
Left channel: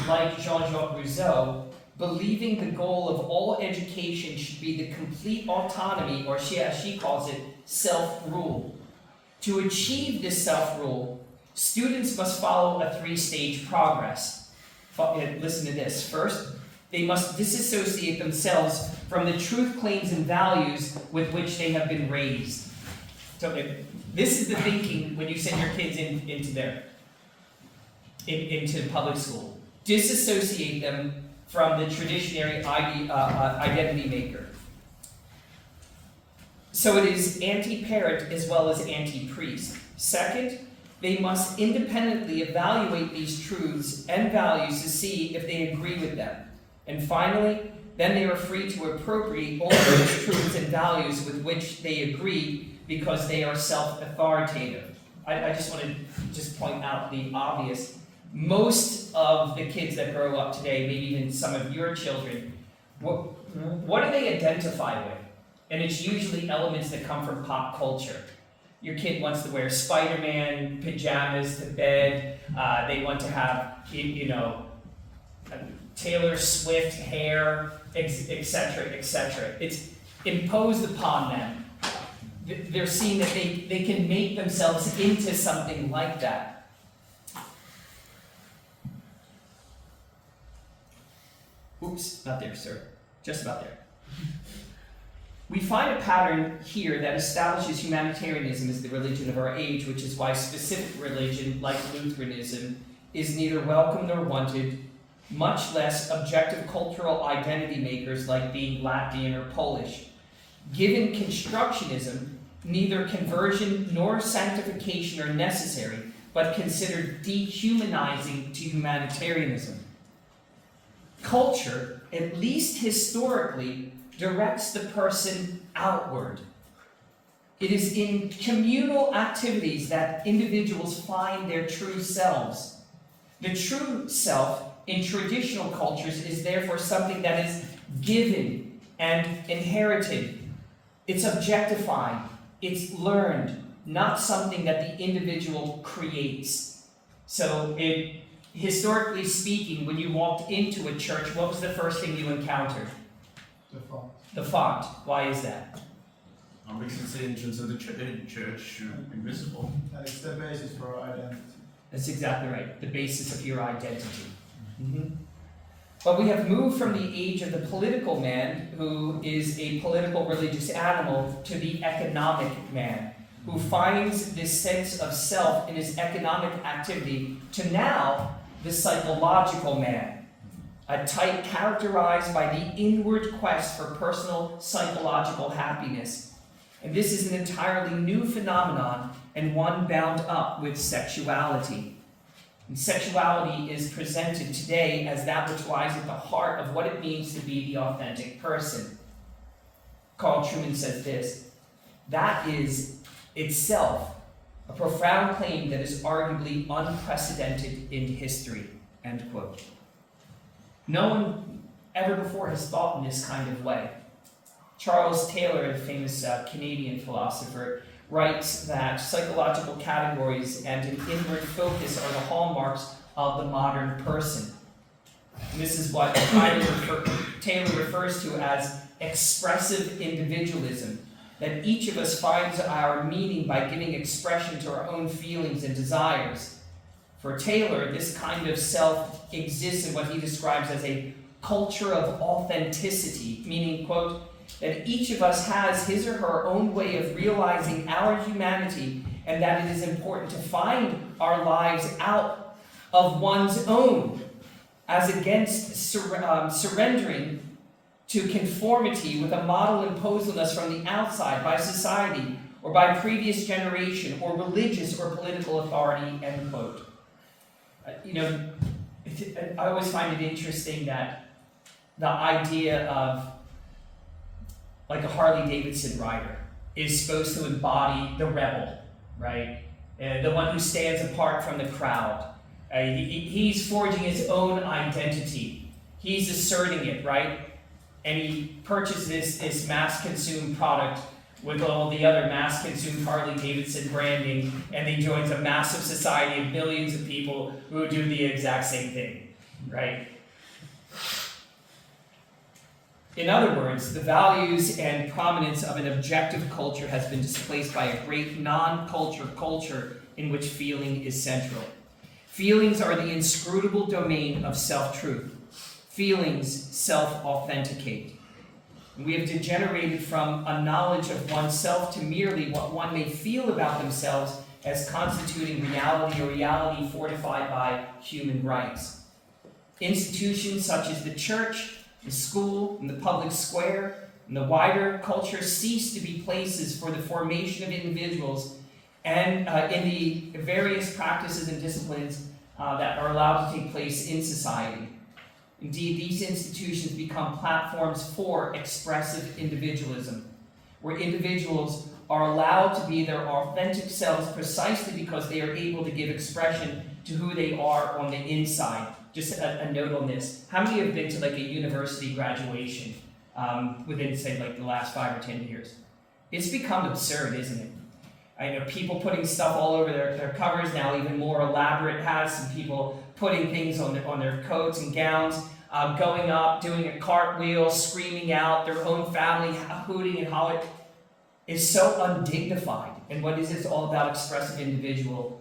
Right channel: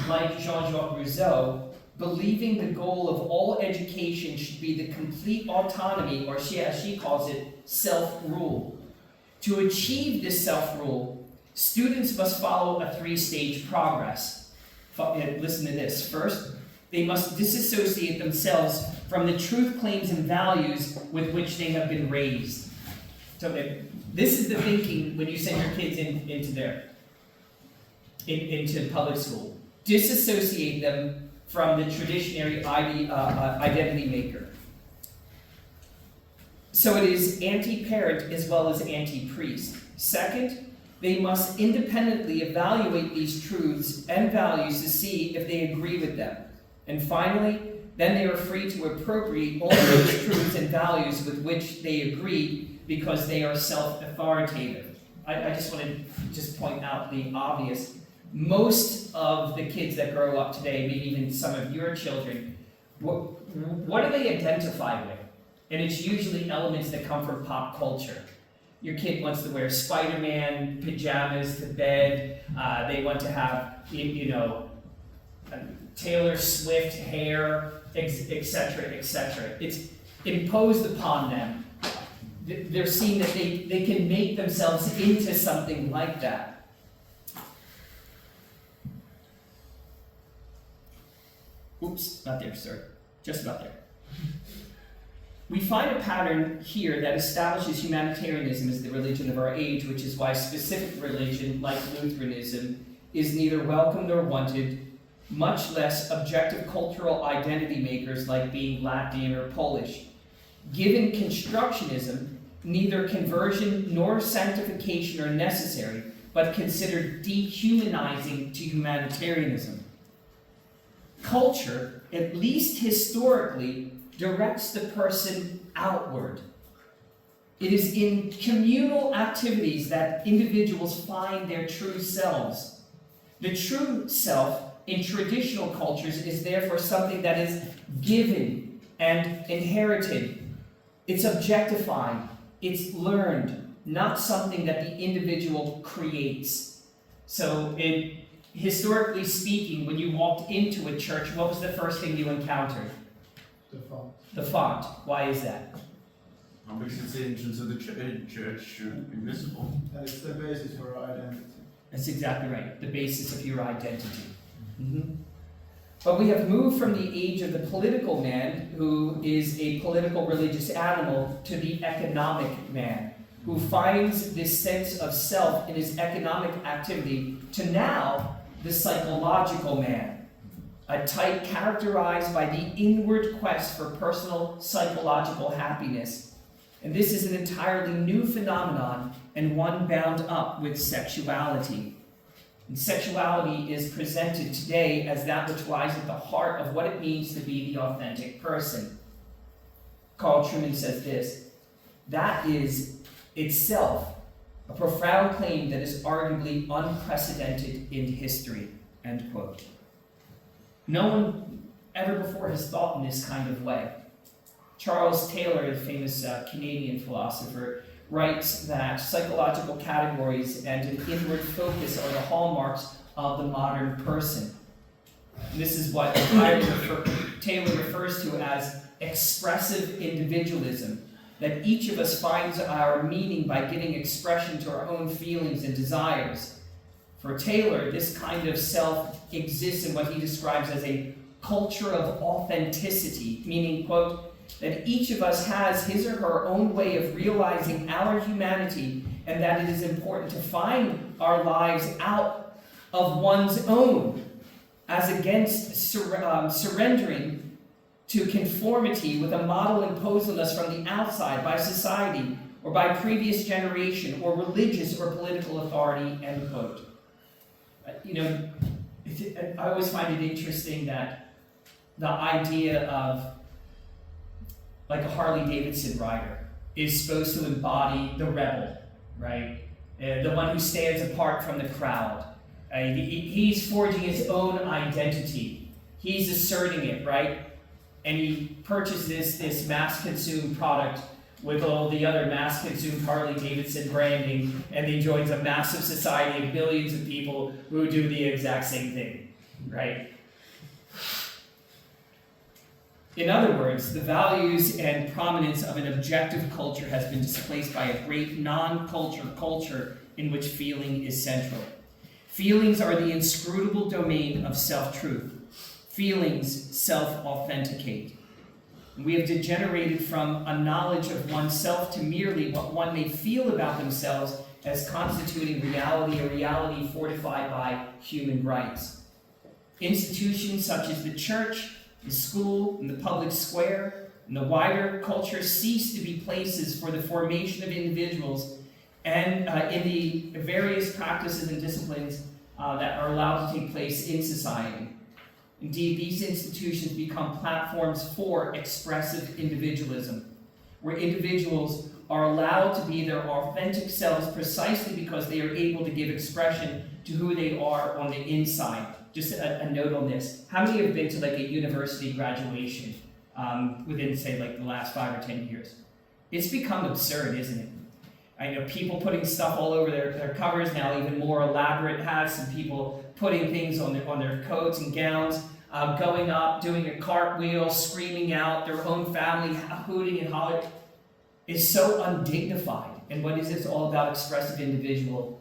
like Jean-Jacques Rousseau, believing the goal of all education should be the complete autonomy, or as she calls it, self-rule. To achieve this self-rule, students must follow a 3-stage progress. Listen to this. First, they must disassociate themselves from the truth claims and values with which they have been raised. So this is the thinking when you send your kids into public school. Disassociate them from the traditionary identity maker. So it is anti-parent as well as anti-priest. Second, they must independently evaluate these truths and values to see if they agree with them. And finally, then they are free to appropriate all those truths and values with which they agree because they are self-authoritative. I just want to point out the obvious. Most of the kids that grow up today, maybe even some of your children, what do they identify with? And it's usually elements that come from pop culture. Your kid wants to wear Spider-Man pajamas to bed. They want to have, Taylor Swift hair, etc., etc. It's imposed upon them. They're seeing that they can make themselves into something like that. Oops, not there, sir. Just about there. We find a pattern here that establishes humanitarianism as the religion of our age, which is why specific religion, like Lutheranism, is neither welcome nor wanted, much less objective cultural identity makers like being Latvian or Polish. Given constructionism, neither conversion nor sanctification are necessary, but considered dehumanizing to humanitarianism. Culture, at least historically, directs the person outward. It is in communal activities that individuals find their true selves. The true self in traditional cultures is therefore something that is given and inherited. It's objectified. It's learned, not something that the individual creates. So historically speaking, when you walked into a church, what was the first thing you encountered? The font. The font. Why is that? Because it's the entrance of the church should be visible. It's the basis for our identity. That's exactly right, the basis of your identity. Mhm. But we have moved from the age of the political man, who is a political religious animal, to the economic man, who finds this sense of self in his economic activity, to now the psychological man, a type characterized by the inward quest for personal psychological happiness. And this is an entirely new phenomenon, and one bound up with sexuality. And sexuality is presented today as that which lies at the heart of what it means to be the authentic person. Carl Trueman says this: that is itself a profound claim that is arguably unprecedented in history, end quote. No one ever before has thought in this kind of way. Charles Taylor, the famous Canadian philosopher, writes that psychological categories and an inward focus are the hallmarks of the modern person. And this is what Taylor refers to as expressive individualism, that each of us finds our meaning by giving expression to our own feelings and desires. For Taylor, this kind of self exists in what he describes as a culture of authenticity, meaning, quote, that each of us has his or her own way of realizing our humanity, and that it is important to find our lives out of one's own, as against surrendering to conformity with a model imposed on us from the outside by society or by previous generation or religious or political authority, end quote. I always find it interesting that the idea of like a Harley Davidson rider is supposed to embody the rebel, right? The one who stands apart from the crowd. He's forging his own identity. He's asserting it, right? And he purchases this mass-consumed product with all the other mass-consumed Harley Davidson branding, and he joins a massive society of millions of people who do the exact same thing, right? In other words, the values and prominence of an objective culture has been displaced by a great non-culture culture in which feeling is central. Feelings are the inscrutable domain of self-truth. Feelings self-authenticate. We have degenerated from a knowledge of oneself to merely what one may feel about themselves as constituting reality, or reality fortified by human rights. Institutions such as the church, the school, and the public square, and the wider culture cease to be places for the formation of individuals and in the various practices and disciplines that are allowed to take place in society. Indeed, these institutions become platforms for expressive individualism, where individuals are allowed to be their authentic selves precisely because they are able to give expression to who they are on the inside. Just a note on this. How many have been to like a university graduation within, say, like the last 5 or 10 years? It's become absurd, isn't it? I know people putting stuff all over their covers now, even more elaborate hats, and people putting things on their coats and gowns, going up, doing a cartwheel, screaming out, their own family hooting and hollering. It's so undignified. And what is this all about? Expressive individualism,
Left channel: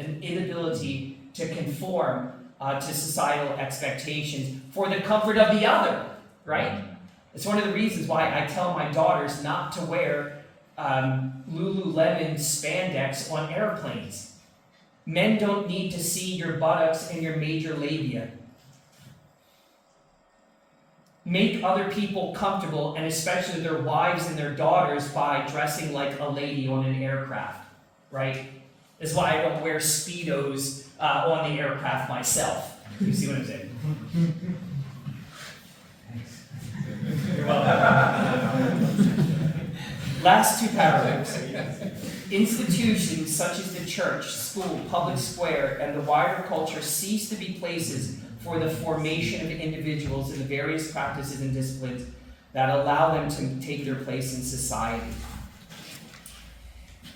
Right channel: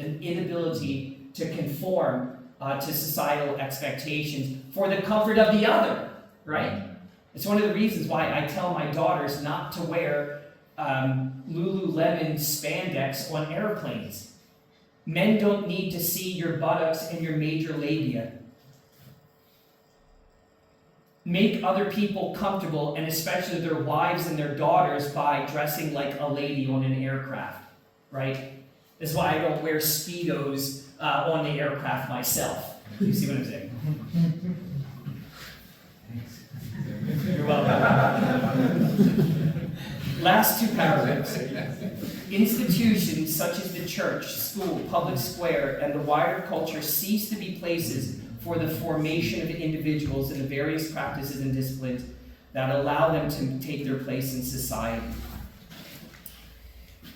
an inability to conform to societal expectations for the comfort of the other, right? It's one of the reasons why I tell my daughters not to wear Lululemon spandex on airplanes. Men don't need to see your buttocks and your major labia. Make other people comfortable, and especially their wives and their daughters, by dressing like a lady on an aircraft, right? That's why I don't wear Speedos on the aircraft myself. You see what I'm saying? You're welcome. Last two paragraphs. Institutions such as the church, school, public square, and the wider culture cease to be places for the formation of individuals in the various practices and disciplines that allow them to take their place in society.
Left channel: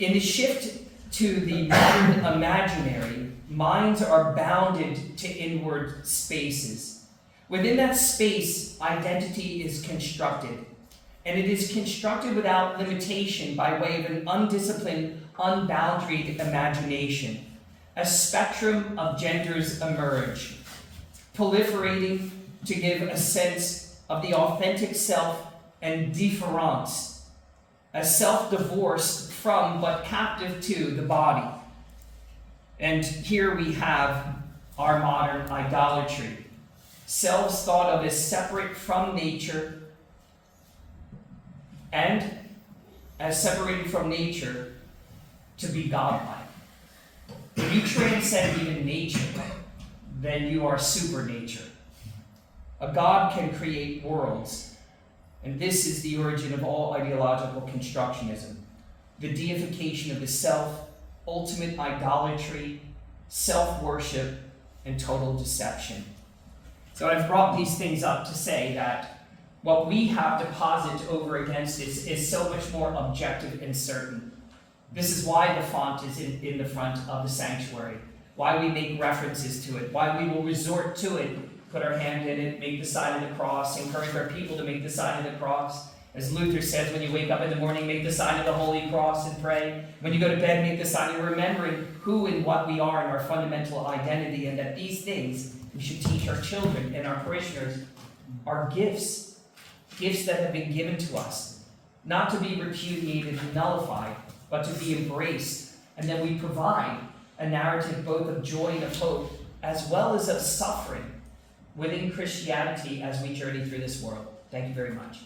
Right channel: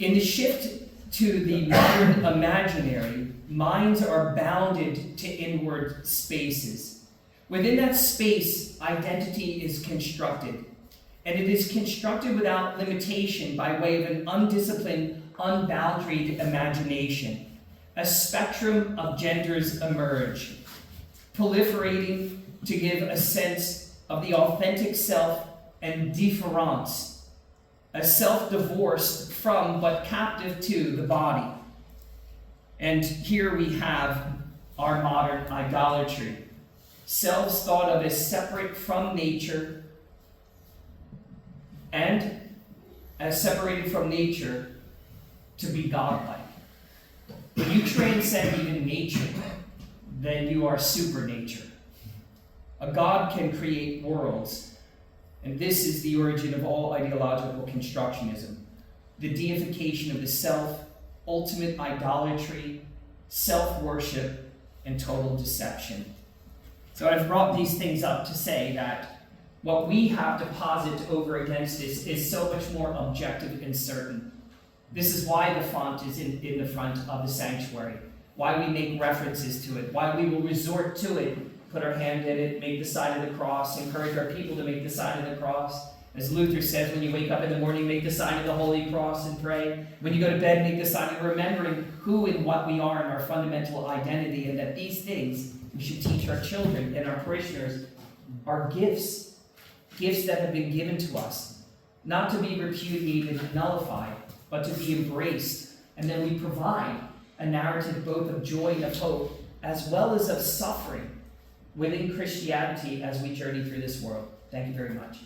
In the shift to the modern imaginary, minds are bounded to inward spaces. Within that space, identity is constructed. and it is constructed without limitation by way of an undisciplined, unboundaried imagination. A spectrum of genders emerge, proliferating to give a sense of the authentic self and difference, a self divorced from but captive to the body. And here we have our modern idolatry. Selves thought of as separate from nature, and as separated from nature to be godlike. When you transcend even nature, then you are supernature. A God can create worlds, and this is the origin of all ideological constructionism. The deification of the self, ultimate idolatry, self-worship, and total deception. So I've brought these things up to say that what we have to posit over against this is so much more objective and certain. This is why the font is in the front of the sanctuary, why we make references to it, why we will resort to it, put our hand in it, make the sign of the cross, encourage our people to make the sign of the cross. As Luther says, when you wake up in the morning, make the sign of the Holy Cross and pray. When you go to bed, make the sign of remembering who and what we are in our fundamental identity, and that these things we should teach our children and our parishioners are gifts that have been given to us, not to be repudiated and nullified, but to be embraced. And then we provide a narrative both of joy and of hope, as well as of suffering within Christianity as we journey through this world. Thank you very much.